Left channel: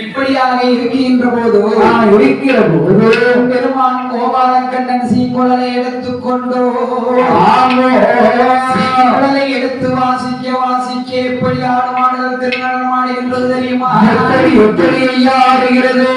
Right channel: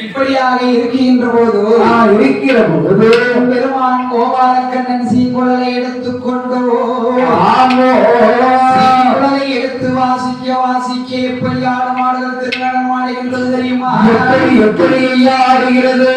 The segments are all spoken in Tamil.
இப்படியாக இருக்கின்ற போது பெருமான் கோபாலக்கண்ணன் சீக்குழலை எடுத்துக்கொண்டோ சீக்குழலை எடுத்து வாசிக்க வாசிக்க எப்படி ஆடுமாடுதல் திருநடம் ஆடுகின்றது தெரியுமா? எப்படி ஆடுகிறது?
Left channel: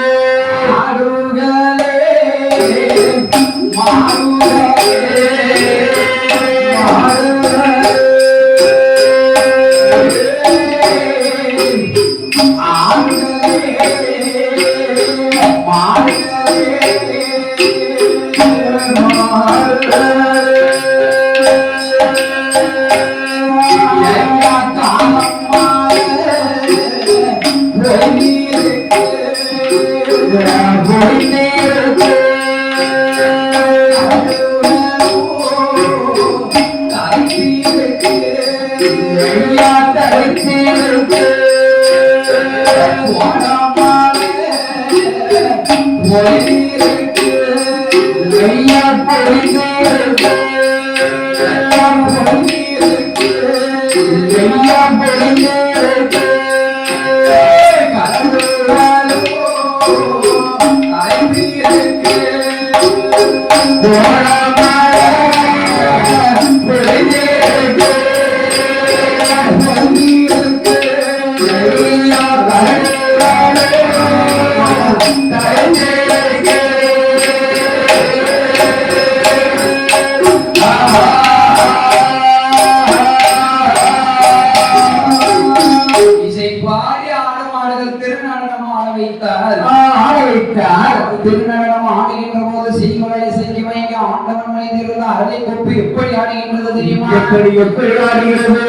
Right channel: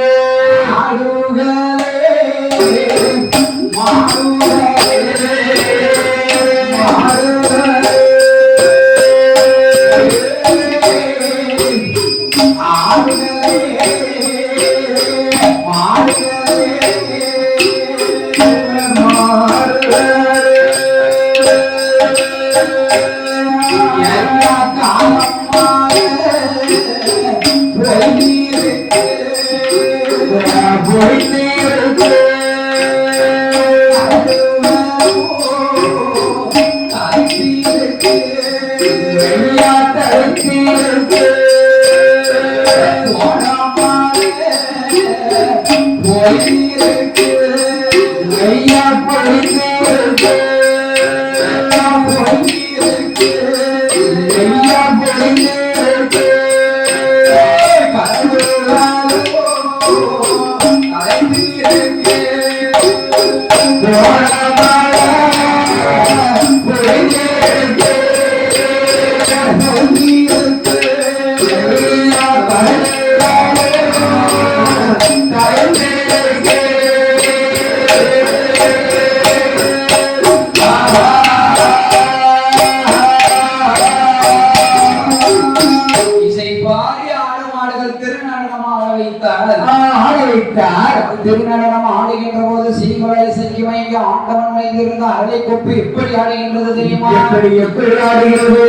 திருநடம் ஆடுகின்ற போது சீங்குழலை செங்கிமைக்கு ஆண்டவன் மைந்திருந்த அரளை கொப்பு எப்படி ஆடுகின்றது தெரியுமா? எப்படி ஆடுகிறது?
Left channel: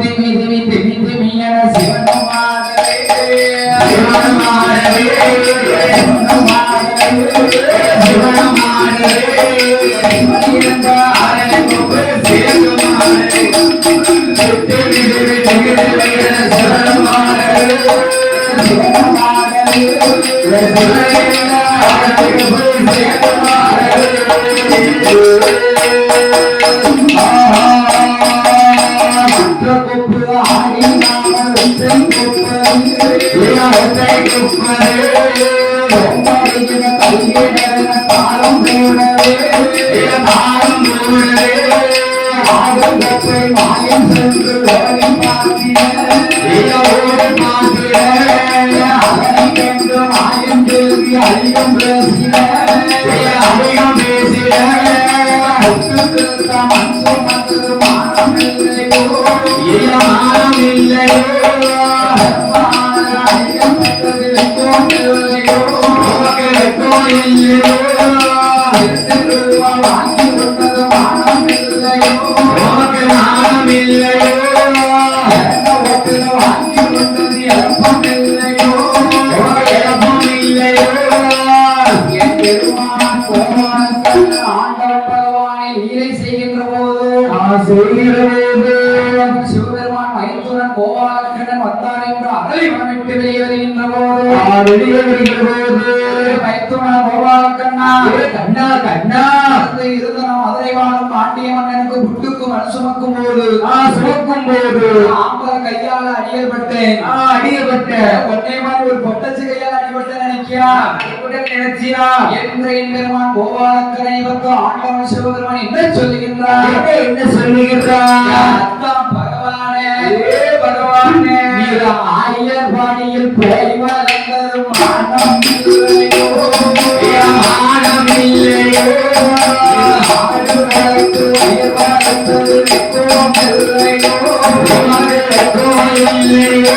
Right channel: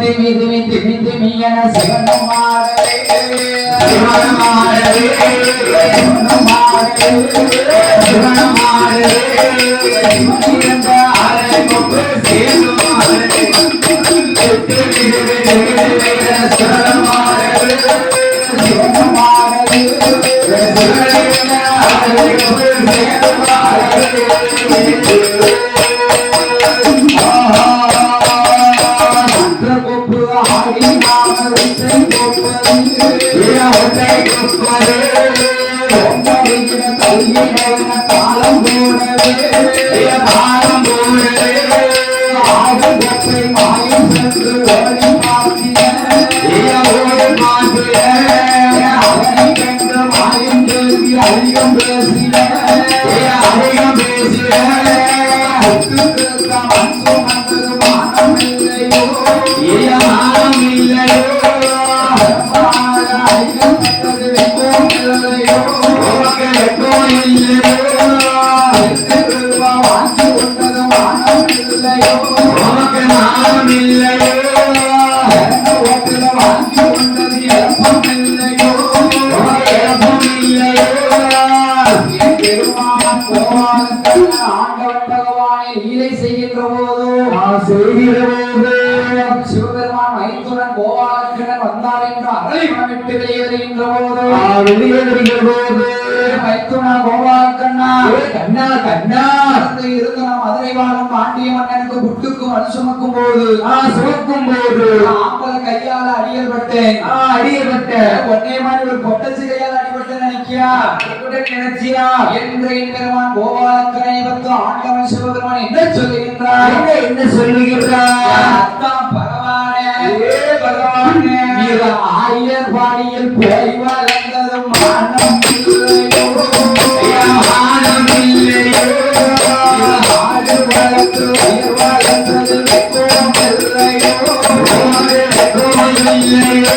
திமி திமி திமி திமி என சிவனும் ஆடவே சிவனும் ஆடவே சிவனும் ஆடவே சிவனும் ஆடவே இருந்த அரளை கொப்பு சேர்ந்தும் ஆடவே சிவனும் ஆடவே சிவனும் ஆடவே சிவபெருமான் மைத்துனன் கோபாலக்கண்ணன் வந்தான் என்று அகலை மனமிட்டு வெளியேறுகின்ற போது மைத்துனா கோபாலக்கண்ணா கண்ணா கண்ணா இருந்து நாம் மதுரை வாழும் பாண்டிய மன்னனுக்கு புட்டுக்கு மண் சுமக்கும் போது ஆம்பல கையால அடியப்பட்டேன் ஒன்னே மாதிரி ஒரு பொட்டச்சு கையால் அடிபட்டேன் நினைச்சியா என்று பெருமான் கோபாலக்கண்ணனை பற்றி ஆண்டவன் சிவபெருமான் என்ன சொல்லுகின்றார்? பகவானே ஆயர் பாடியில் போய் வளர்ந்ததும் மானம் இல்லையோ ஆடு வளர்த்து உயிர் வளர்ந்தது இல்லையோ இல்லையோ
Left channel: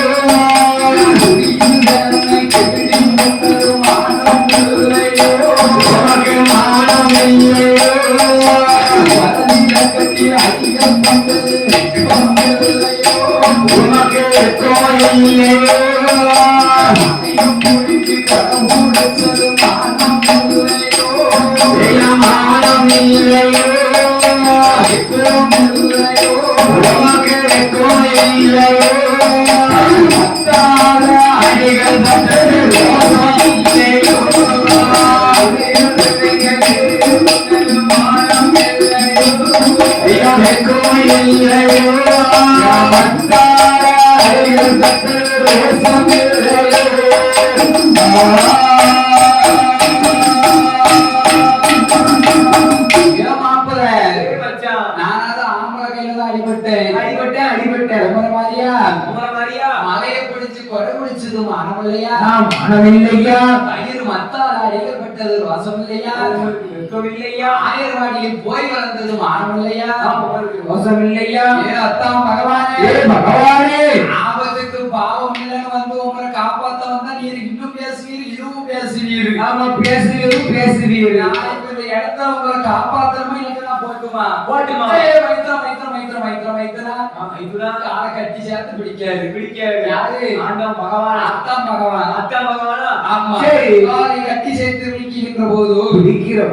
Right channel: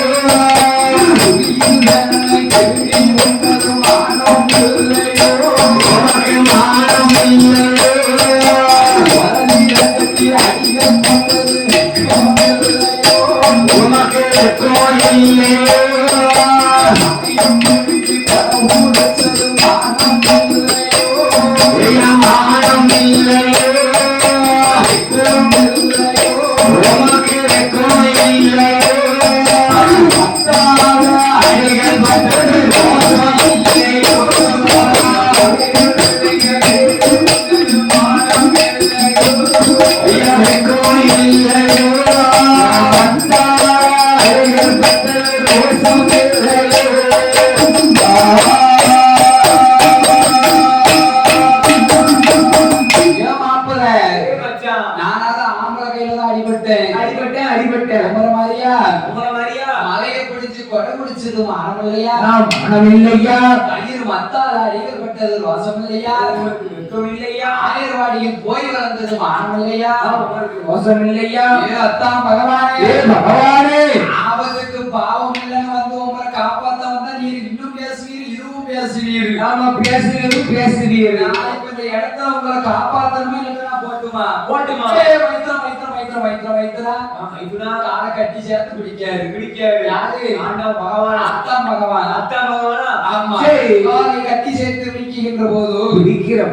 அடிபட்டேன் உமர மாதிரியா மலையை பிடிச்சு கொடை பிடிச்சது மானம் இல்லையா கயிறு மத்தால் அடிக்கப்பட்டது வாசம் இல்லையா வெட்கமில்லையா ஆயர்வாடியில் போய் வளர்ந்தது மானம் இல்லையா மோசம் இல்லையா அத்தான் பகவானே ஆபத்துக்கு பாவம் இல்லைன்னு வந்து உங்களை காப்பாத்த வந்தா நீர் இன்னும் பேசுவீர் இதுவும் பேசுவீர் ஆமா பேசுவீர் நாளைக்கு இந்த இடத்துல உங்களை காப்பாத்தணுமா இல்லைன்னா போட்டுமா மைத்துனா காலை கட்டி சேர்த்து பிடிக்காது யாரு ஆண்டவன் பகவான் அத்தான் பகவான் ஆமா கட்டி சேர்த்து பிடிக்கின்ற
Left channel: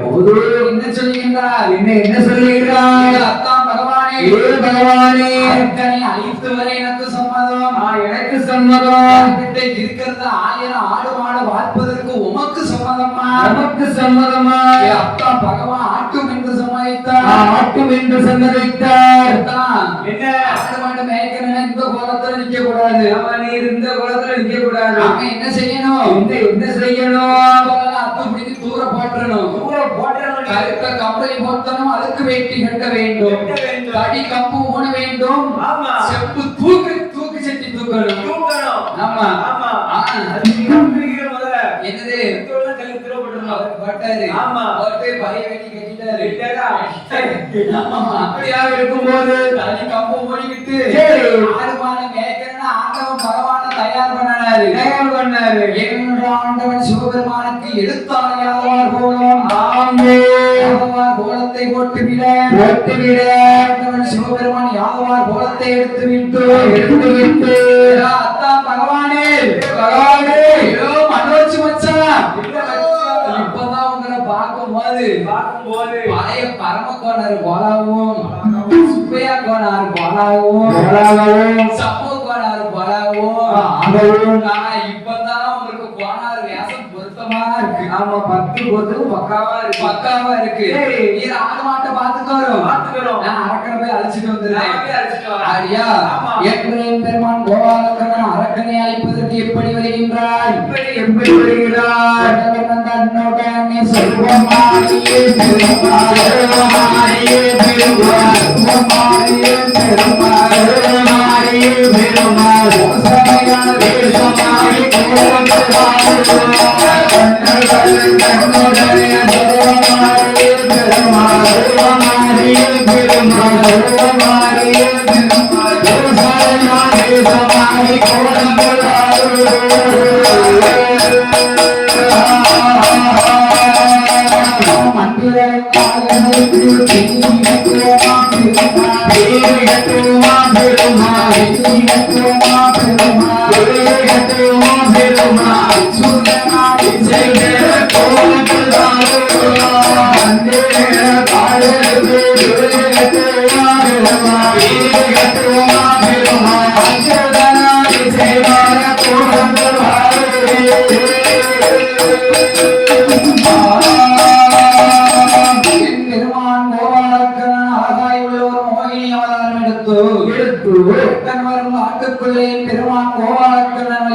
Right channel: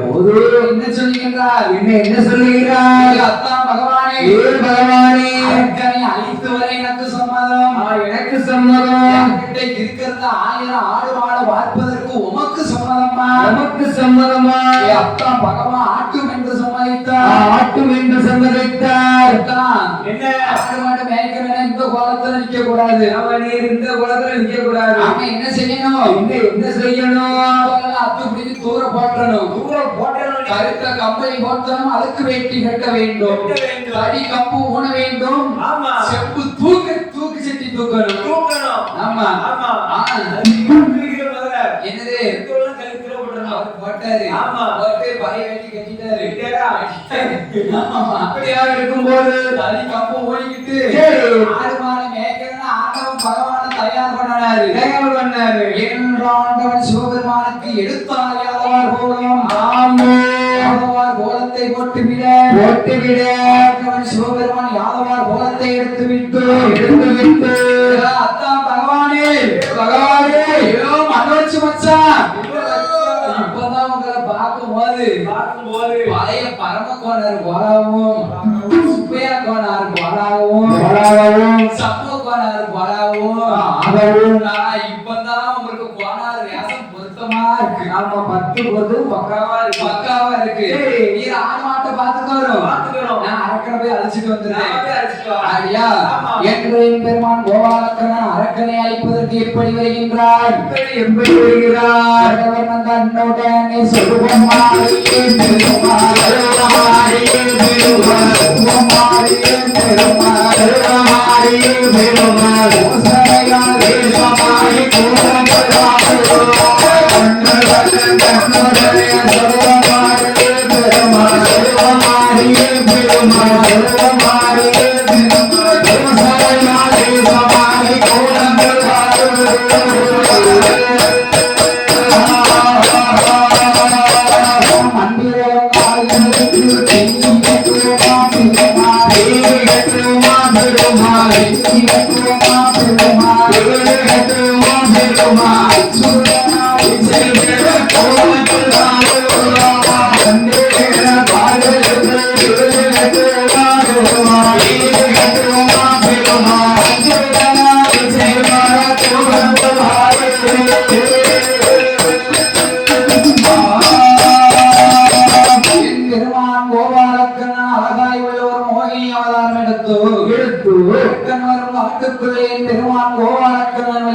போது என்ன சொல்லுகின்றார் என்ன சொல்லுகிறார் அத்தான் பகவானே அரக்கனை அழித்து வர எனக்கு சம்மதம் இருக்கிறது 1000 ஆடு மாடு பார்ப்பதற்கு உமக்கு சம்மதமா அத்தான் பகவான் ஆட்டும் என்று சம்மதித்தார் என்ன ஆடு மாடு மேய்க்கிறேன் இந்த கோலத்துல நிக்க கூடாது இந்த கோலத்துல நிக்க கூடாது நாம என்ன செய்யணும் அத்து பிடித்து தூர போட்டணும் கருத்த கம்பளி போட்டணும் அதுக்கு வேட்டி கட்ட வேண்டும் தடி கம்பு ஊன வேண்டும் செப்பு தூக்கு செட்டி தூக்கணும் ஆமா என்னது இருக்கும்போது தனி கம்பு ஓடிக்கிட்டு ஆடுமான மேய்க்கிறேன்னு ஆண்டவன் பகவான தயார் பண்ணாரு ஆண்டவன் சிவபெருமானுக்கு எடுத்தாயாவார் போலும் கோலத்தை போட்டுவிட ஆண்டவன் சிவபெருமான் யாதவார் கோலத்தை எடுத்து விட்டு அத்தான் பகவானே மனோச்சு மச்சான் இப்பதான் உங்களை பார்க்கும்போது பழைய பரமக்கோணர் கோலாவும் சுப்பையா கோணார் கோலாவும் சப்போ கோணார் கோலாவும் இப்பதான் உங்களுக்கு கோணார் வேஷம் பொருத்தமா இருக்கு நாம 10 போது பக்காவா இருக்கு நீர் ஆடு மாட்டை பாத்துக்கிறோம் நான் அரக்கனை போய் அழைச்சிட்டு வந்துடுறேன் ஐயா என் பெருமான் கோபாலக்கண்ணன் அரக்கனை அழைப்பதற்கு எப்படி வருகின்றார் தன்னுடனே சொல்லுவாயே பெருமான் கோபாலக்கண்ணன்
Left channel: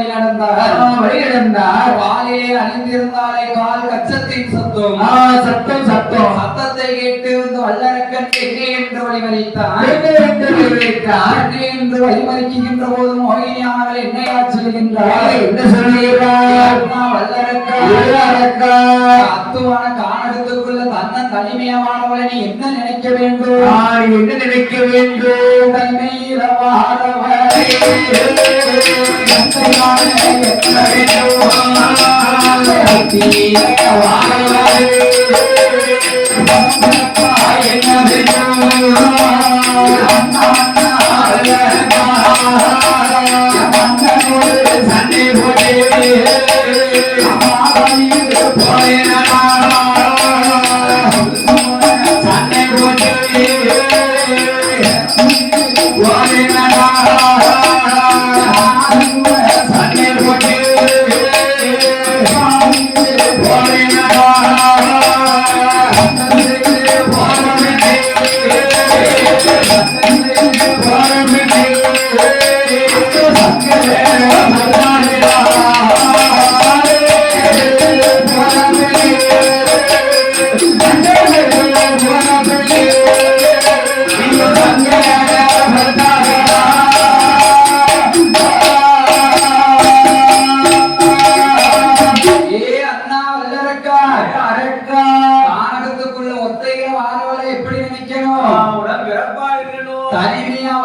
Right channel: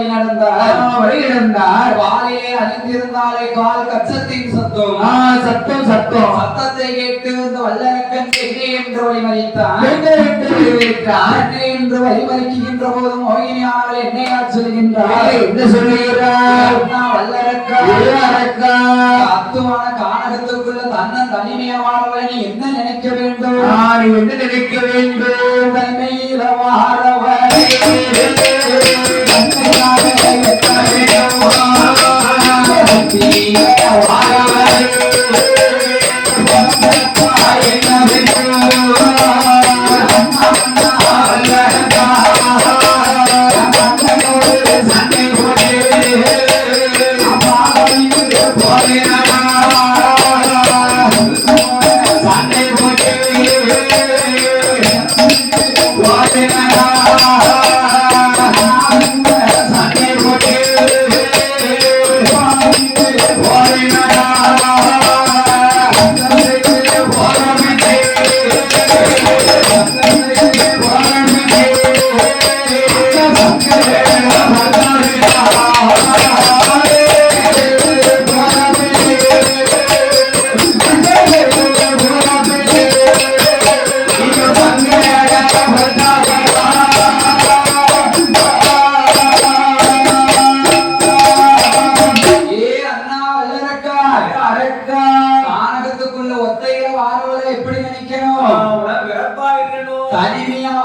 வழி நடந்தார் வாளிலே அணிந்திருந்தாலே கால் கச்சத்தின் சத்தத்தை கேட்டு வல்லரக்கன் எங்கே என்று வழிமறித்தான் என்று வழிமறிக்கின்ற போது மோகினி அவர்கள் என்னையார் சொல்கின்றார் என்ன சொல்லுகிறார் வல்லரக்கா அத்துவான கானகத்துக்குள்ள தன்னன் தனிமையமானவளை நீ என்ன நினைக்க வேண்டும் தனிமையில வாழவரை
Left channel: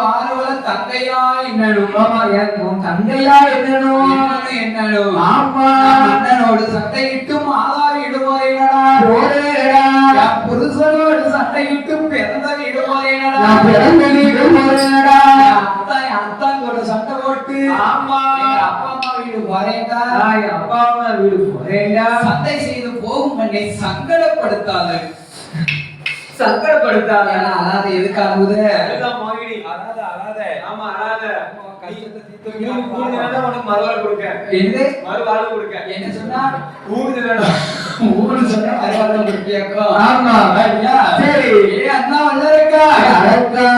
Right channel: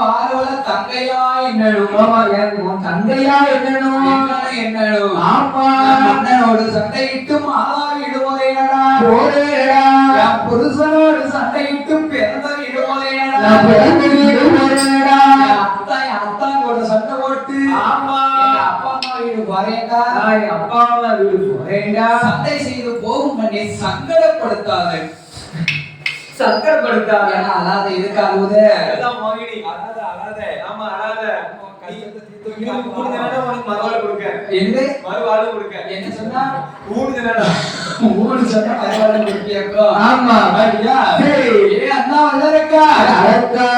வாருவல தங்கையா என்னடும் உன் தங்கையா என்னணும் என்னடும் ஆமா அண்ணனோடு சண்டையிட்டு மாதாவிடுவாரேடா போறேடா என் புருஷனோடு சண்டையிட்டு பிறந்த விடுவாரேடா நான் பிறந்து வீடு போறேடா அத்தாங்கோட சண்டை போட்டு ஆமா எங்க அப்பா அம்மா வீடு வரேன்டா என் அப்பா அம்மா வீடு போறேன்டா சண்டை செய்து போகும் என்னை சங்கடப்படுத்தாத சங்கடப்படுத்தாத அல்லாத எதுக்கு அழுகுது மோகினி அழாத ஆமா அழாத கஷ்டத்தை தீர்த்து உனக்கு மறுவாழ்வு கொடுக்க என்ன மறுவாழ்வு கொடுக்க என்ன சொன்னா ஊடுதலடா ஊடு சொன்னா மறுவாழ்வு கொடுப்பியாக்கோ ஆமா ஐயா சரி ஏ அண்ணா வல்லரக்கா அழகா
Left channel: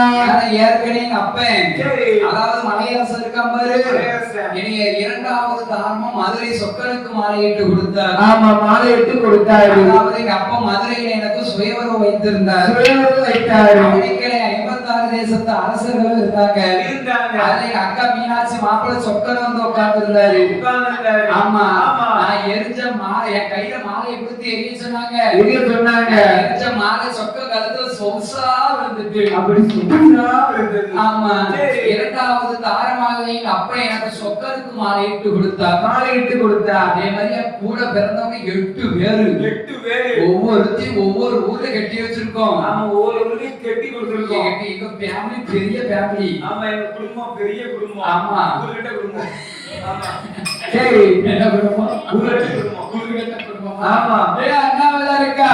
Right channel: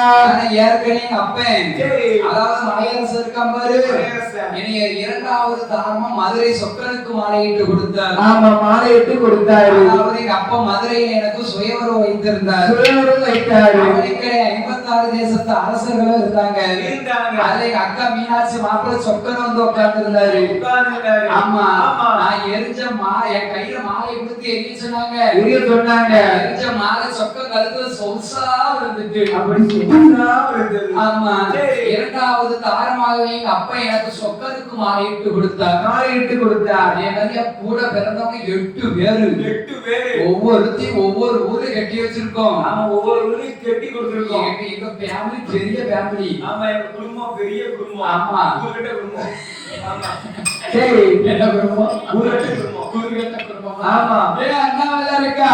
ஏற்கனவே எங்க அப்பன் சரி அதாவது மலையரசு இருக்கான் பாரு மலையரசன். இனி இரண்டாவது தாரமா மதுரை சொக்கனுக்கு மாலையிட்டு கொடுத்தார் ஆமா மாலையிட்டு கொடுத்தாரு அதாவது எங்க அப்பா மதுரையில எனக்கு சுயவரம் வைத்திருந்தார் சுயவரம் வைத்தாரு அவனுக்கே 56 தேசத்து அரசர்களும் இருந்தாங்க அதுல எங்க அக்கா மீனாட்சி மாப்பிள்ளை சொக்கன் வந்து உட்கார்ந்து இருந்தாரு ஆமா நான் எரிஞ்ச என் கையில மாலையை கொடுத்து எரிய சொன்னாங்க எரிஞ்ச மாலை சொக்க கழுத்துல சொசா விழுந்துட்டு அப்படி சொன்னா விழுந்தது ஆமா இரண்டாவது தாரமாக எங்க அப்பா எனக்கு சொக்கனுக்கு மாலையிட்டு கொடுத்தார் அதே மாதிரியா கூட பிறந்தவங்க 8 பேரு ஒவ்வொருத்தையும் ஒவ்வொரு ஊர்ல கட்டி வச்சிருக்கோம் ஒவ்வொரு ஊரையும் கட்டி கொடுத்திருக்கோம் எங்க ஃபேமிலி பெரிய ஃபேமிலி ஆமா எங்க குடும்பம் பெரிய குடும்பம் ஆமா ஊர்கிட்ட குடும்பம் ஆமா சரி என்ன குடும்பம் ஊர்கிட்ட குடும்பம் ஊர்கிட்ட குடும்பம் ஆமா அண்ணாவில இருக்கா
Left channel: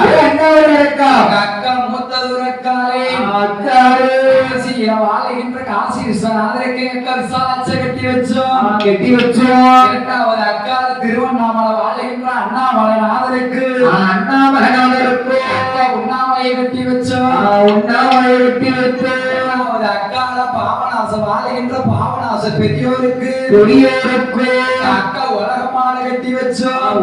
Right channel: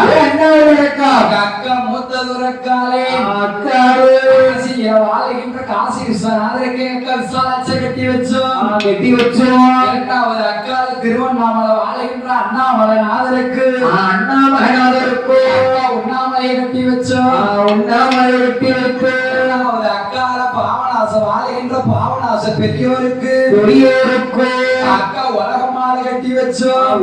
அக்கா மூத்தது இருக்காளே அக்காரு வாழ்கின்ற காசி விஸ்வநாதருக்கு அக்கா விசாலாட்ச கட்டி வச்சோம் இரண்டாவது அக்கால திருவண்ணாமலை வாழ்கின்ற அண்ணாமலை நாதருக்கு அக்கா உண்ணாமலையை கட்டி வச்சோம் இரண்டாவது அக்கால பாவநாச வாழ்கின்ற பாவநாச பெரியோருக்கு அக்கா உலகமான கட்டி வச்சோம்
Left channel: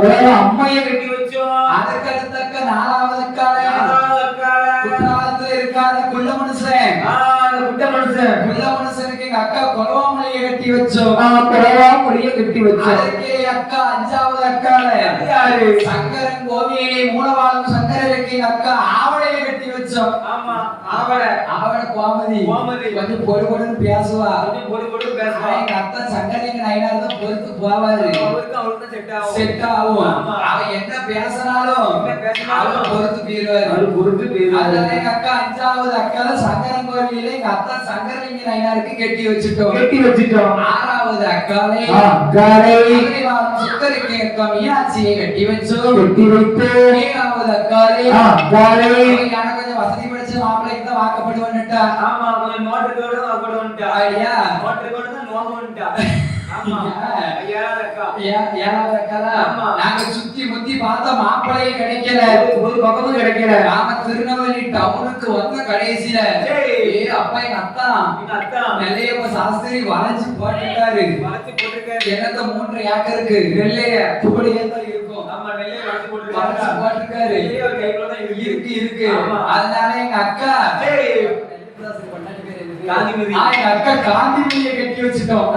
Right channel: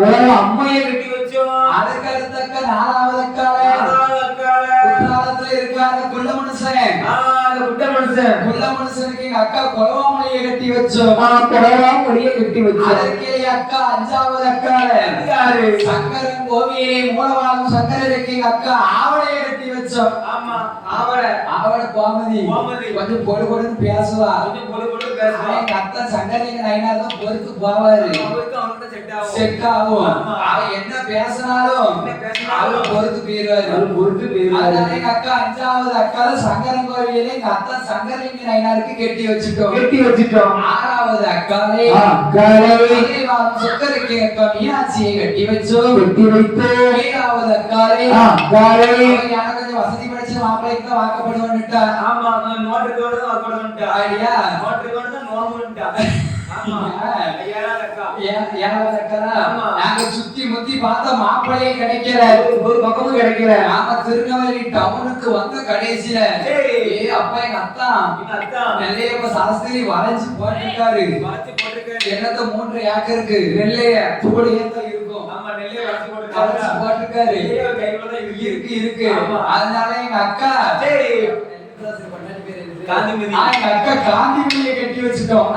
அம்மையை கட்டி வச்சோம் அதுக்கு அடுத்தக்க நாலாவது குற்றாலத்துல இருக்காத குள்ள மனுஷன் குள்ள மனுஷனுக்கு எங்க அக்கா கொலவாமலையை கட்டி வச்சோம் அதற்கே அக்கா அஞ்சாவது அக்கால சங்கரன் கோவிலே மூலவாழும் சங்கரருக்கு எங்க அக்கா ஆவடையை கட்டி வச்சோம் ஆவட கோமதி கொஞ்சம் பொடு பொடுன்னு பேசுவா எங்க அத்தா சங்கரிங்க நைனார் தான் பொறுத்து போவாரு செட் ஆகும் அவ என்ன பேசினாலும் பொறுத்து போயிருவாரு அதனால எங்க அக்கா அஞ்சாவது அக்கால சங்கரன் கோவிலே எங்க அத்தா சங்கரிங்க நைனாருக்கு கட்டி வச்சுட்டோம் ஆறாவது அக்காலே சுக்கருக்கு அக்கா மீனாட்சியை கட்டி வச்சோம் ஏழாவது அக்காலே எனக்கு கொஞ்சம் வசதி படிச்ச மாப்பிள்ளைக்கு தான் வாக்கப்படுவான்னுட்டா ஐயா நாங்க சுத்தி முத்தி பார்த்தா மாப்பிள்ளையே கிடைக்கல ஒரு பக்கமும் கிடைக்கல நாம திருநெல்வேலி டவுனுக்கு வந்த கடைசியில அப்பா எங்க அத்தா நெல்லையப்ப சாஸ்திரி வளைஞ்சு போட்டுட்டாரு என்னத்த 3 ஏக்கருக்கு நெல்லைய தோடியே தான் இருக்கும் போட்டுருக்காரு இருக்கு அதனால எங்க அக்கா காந்திமதியை கட்டி வச்சுட்டோம்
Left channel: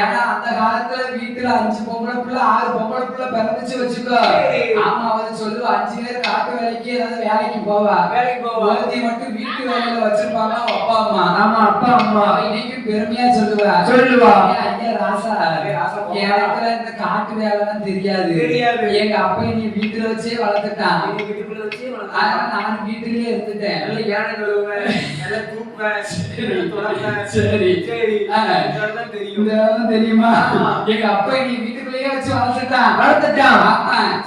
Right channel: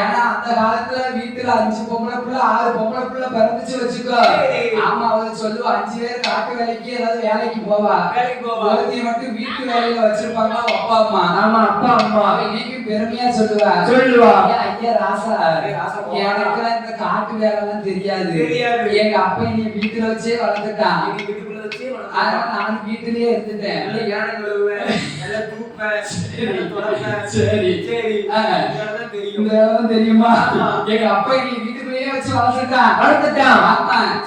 ஏன்னா அந்த காலத்துல வீட்டுல 5 பொம்பளை பிள்ளை 6 பொம்பளை பிள்ளை பிறந்துச்சு வச்சுக்கோ ஆமா அவங்க சொல்லுவா 5 பேர் காட்டு வேலைக்கு ஏதாவது வேலைக்கு போவா ஒருத்தி மட்டும் வீட்டு வேலையில வச்சிருப்பாங்க அப்பா அம்மா இன்னைக்கு பெருமையா சொல்லுவா ஐயா ராசா எனக்கு இந்த காட்டு வேலை எல்லாம் தெரியாது எங்க அப்பா நீ வீட்டுல வச்சே வளர்த்துட்டான் நான் வீட்டிலேயே இருந்துட்டேன் தெரியுமா எங்க அப்பா நீ வீட்டுக்குள்ளேயே வச்சு வளர்த்துட்டான்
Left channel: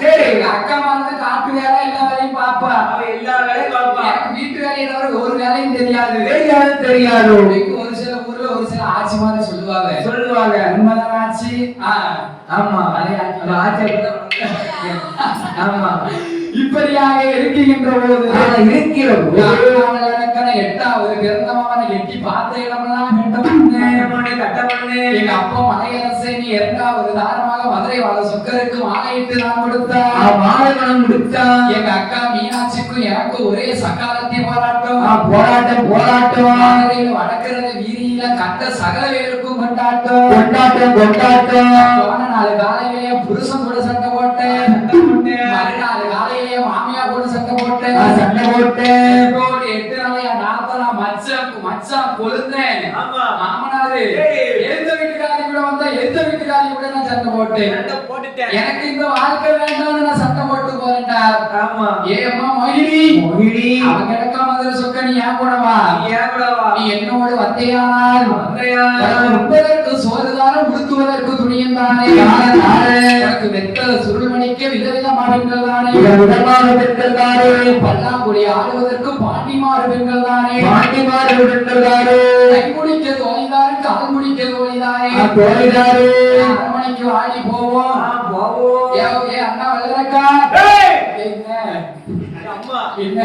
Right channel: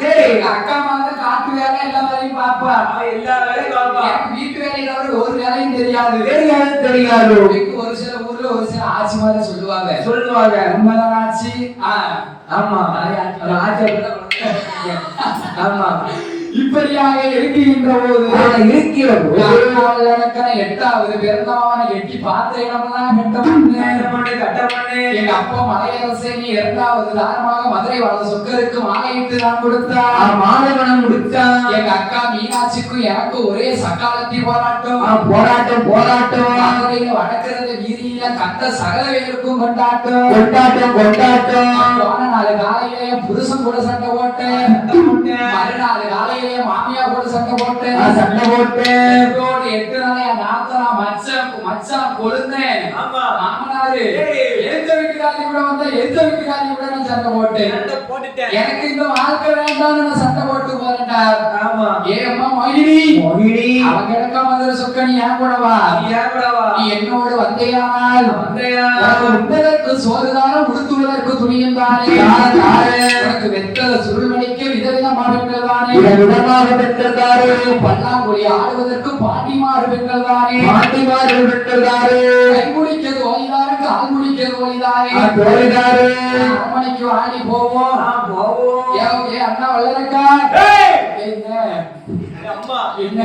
சரி அக்கா மாதிரி காட்டு வேலை எல்லா வேலையும் பாப்பா வீட்டு வேலையில ஒரு வேலையும் தெரியாது ஒரு சில ஊர்ல ஒரு சில ஆட்சி மாதிரி சொல்லுவாங்க உண்மைதான் ஆட்சி ஆமா ஆமா இப்படியாக இருக்கின்ற போது 8வது பிறந்தவன எட்டி பாத்திரம் எங்க அப்பா மலையரசே நீ 2வது தாரமாக மதுரை வாழ சொக்கருக்கு மாலையிட்டு நான் கொடுத்தா எங்க அக்கா மீனாட்சிக்கும் எனக்கு ஒரே சக்காலத்தி போராட்டம் மதுரையில வடக்கிறது வீதியில கண்ட சகலவேலுக்கும் கொண்டாட்டம் போன 4 காலையிலேயே புருஷன் கூட சண்டை போட்டேன் மறுநாள் காலையிலேயே மாமியா கூட சண்டை போட்டேன் 8 நாளையா நான் மச்சான் கொழுந்தேன் ஆமா மாமனாரு எந்த வீட்டுக்காரி கூட வந்தா எந்த வீட்டுக்காரி கூட நான் சண்டை போட்டேன் எனக்கு இந்த வாழ்க்கை வேண்டாம்னு நான் சண்டை போட்டு போறேன்டா ஆமா ஏம்மா மொழிடி அவன் கிடக்க மாதிரி சொக்க நீ ஏன் கூட வா நீ என்னோடு வந்தையானால் உண்பதற்கு சோறுதானம் உடுத்துவதற்கு துணியும் தானே எனக்கு வெத்தல சுருள்மணிக்க விதவிதமான பெண்கள் தானே விதமாக பெண்கள் தானே பல்லாங்குழி ஆடுவதற்கு பாண்டிமாறு பெண்கள் தானே கை முடிக்க தோழிதாரு கால் முடிக்க தோழிதாரே அரண்மனைக்கு ஆடி போவோம் ஏ அண்ணா வல்லரக்கா அம்மா என்ன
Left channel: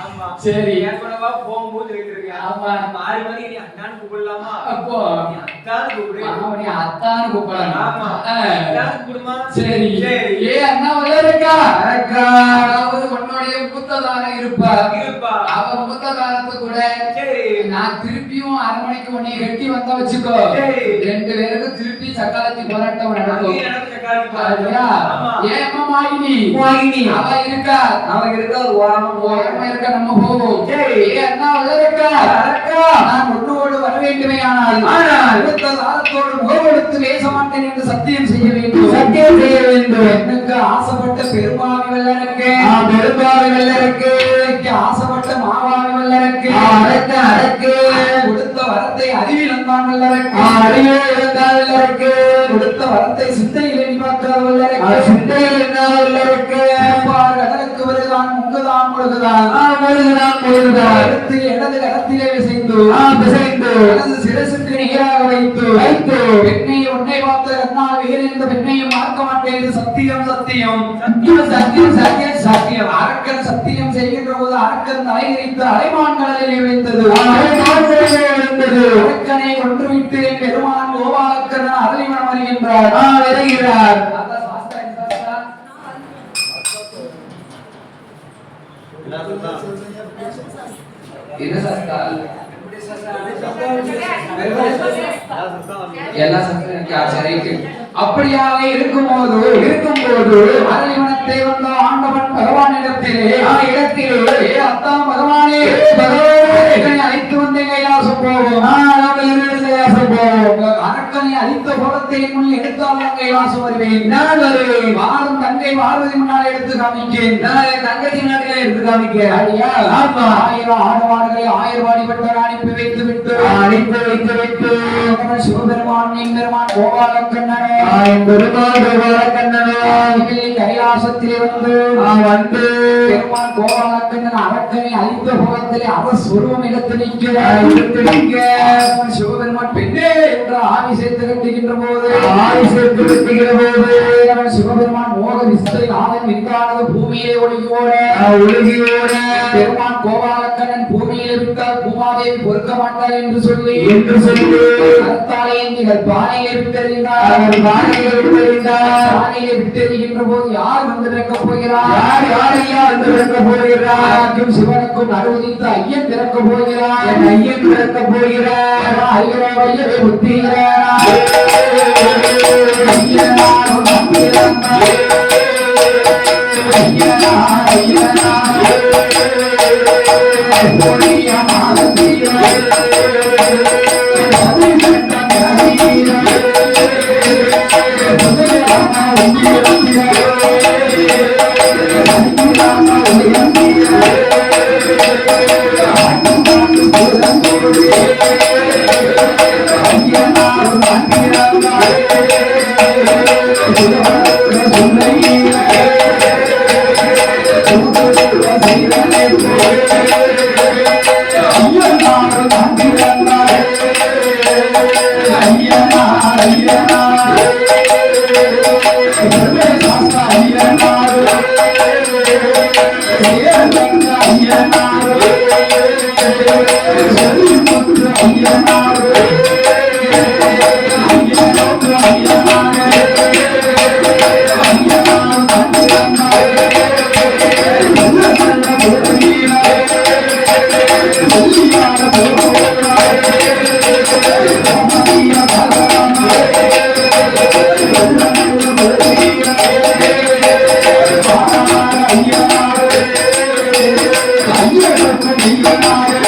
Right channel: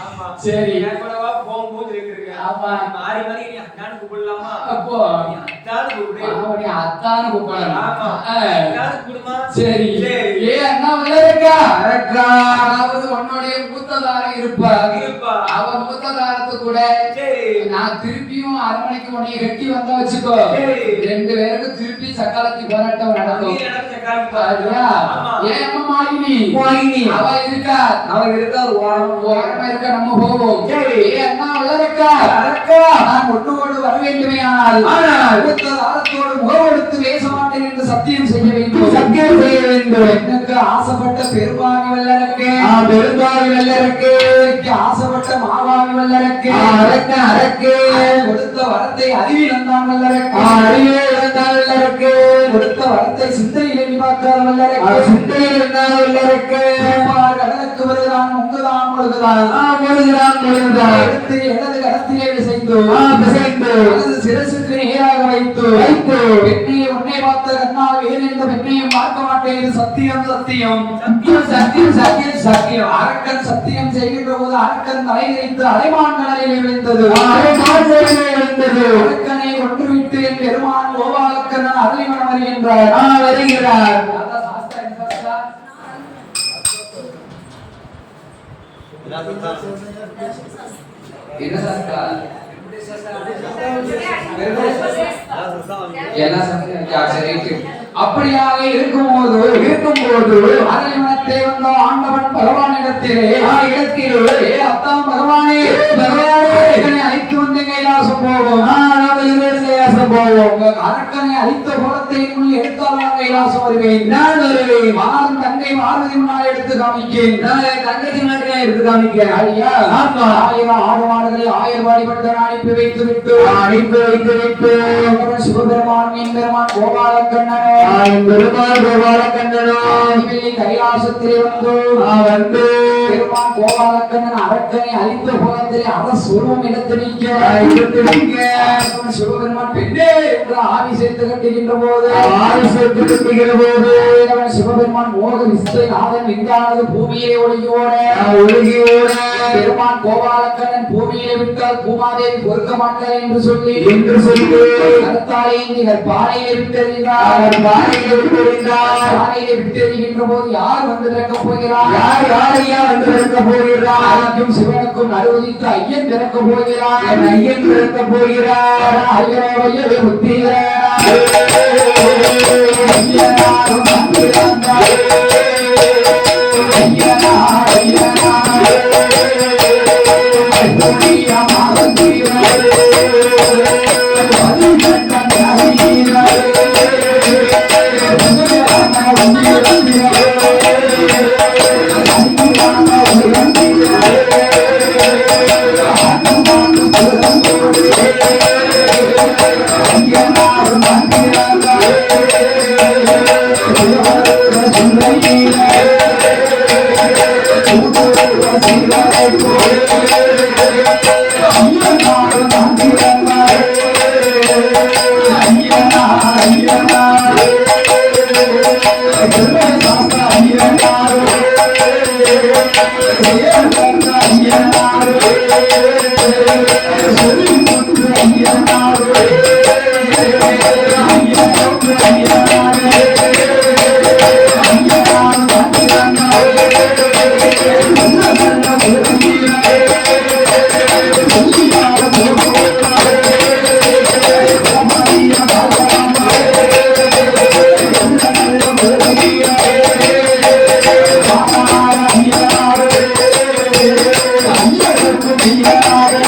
ஆமா சரி ஏற்படவா போகும்போது இருக்கேன் ஆமா மாறி மாறி நீ அண்ணான்னு கூப்பிடலாமா அப்போ அத்தான்னு கூப்பிடு நீ அத்தான்னு கூப்பிடலாம் ஆமா அத்தான்னு கூப்பிடுமா சரி ஏ அண்ணா வல்லரக்கா அதாவது உன்னுடைய மூத்ததாரம் இருப்பா அவ மூத்ததாரத்து கூட நான் திருப்பியும் அரண்மனைக்கு உன்னை கட்டி வந்த வச்சுக்கோ ரெண்டு பேருக்கு திருப்பி சக்காலத்தி போராட்டம் நடக்கும் ஏமா மாயினி அவ இருக்கா ஓரமா இருக்க நம்ம போவோம் ஏ அண்ணா வல்லரக்கா நான் உன்னோடு வர வேண்டுமே ஆனால் அடுத்த காலத்தோடு முகமெடுத்து பேச மாட்டேன் என்று சத்தியம் செய்ய வேண்டும் எனக்கு ஆசைப்பட்ட பெருமாவி வல்லரக்கு ஆசைப்பட்ட மாவாவி வல்லரக்கு அரக்கு கொடுத்த வரத்தை அறிவில் வந்தான் வல்லரக்கு கொடுத்த வரத்தை சிந்தையிலே பார்க்காத வல்லரக்கு கடலுக்கு வருதான் முங்குதான் முழுகுதான் எடுத்து இடது கடத்திலே பிசைந்து சிரசுக்கு நேராக வைத்து பெண்ணை உன்னை பார்த்த கண்ணால் வேறு எந்த பெண்ணையும் பார்க்க மாட்டேன் இது சத்தியம் அரக்கன் சத்தியம் செய்கின்ற போது அரக்கன் தலைவிரித்து அலைமான் கடலில் விழுந்தது அரக்கனை கொன்றுவிட்டு என் பெருமான் கோபாலக்கன் அரளிமணம் வருகின்றார் என்ன சாஸ்தா அப்படியாக இருக்கும்போது அரளிமணத்தை வந்த ஆண்டவன் பகவானிடத்திலே அத்தான் பகவானே அழைத்து வந்து கைலாசம் போவோம் அரக்கனை அழித்த போலத்தை முன் எடுத்தாலும் கைலாசம் வருவேன் நான் வருவேன் மாறும் தங்கை மாறுதி முன்னால் எடுத்து காமிக்கேன் தங்கச்சி நாட்டிலே எடுத்து காமிக்கிறேன் ஐயா ஆயிரம் ஆடு மாடுகளை 1000 வாடிப்பட்ட அனுப்பி வைத்து விட்டு சிவபெருமான் பெருமான் கோபாலக்கண்ணனோ கைலாசத்திலே வந்து பெருமான் கோபாலக்கண்ணன் அரக்கனை அழித்த போலத்திலே அவர் சுருவம் எடுத்து நிற்க சிவபெருமான் பெண்ணே என்ற ஆவி சேர்த்து கட்டுகின்ற போது அவன் சிவபெருமான் மோக விஸ்தை நாதன் விஞ்ஞானது பூமியிலே ஒழுகியோட பெருமான் கோபாலக்கண்ணன் பூமியிலே விட்டால் பூமாதேவி பொறுக்க மாட்டார் என்று சொல்லி கருத்தாலே பானையிலே விட்டெறிகின்ற போது யார் வந்து திறக்கப் போகிறார் சிவனுக்கும் அனுமதித்து ஐயன் திறக்கப் போகிறார் ஐயரே புத்திகிறார் ஐயனாக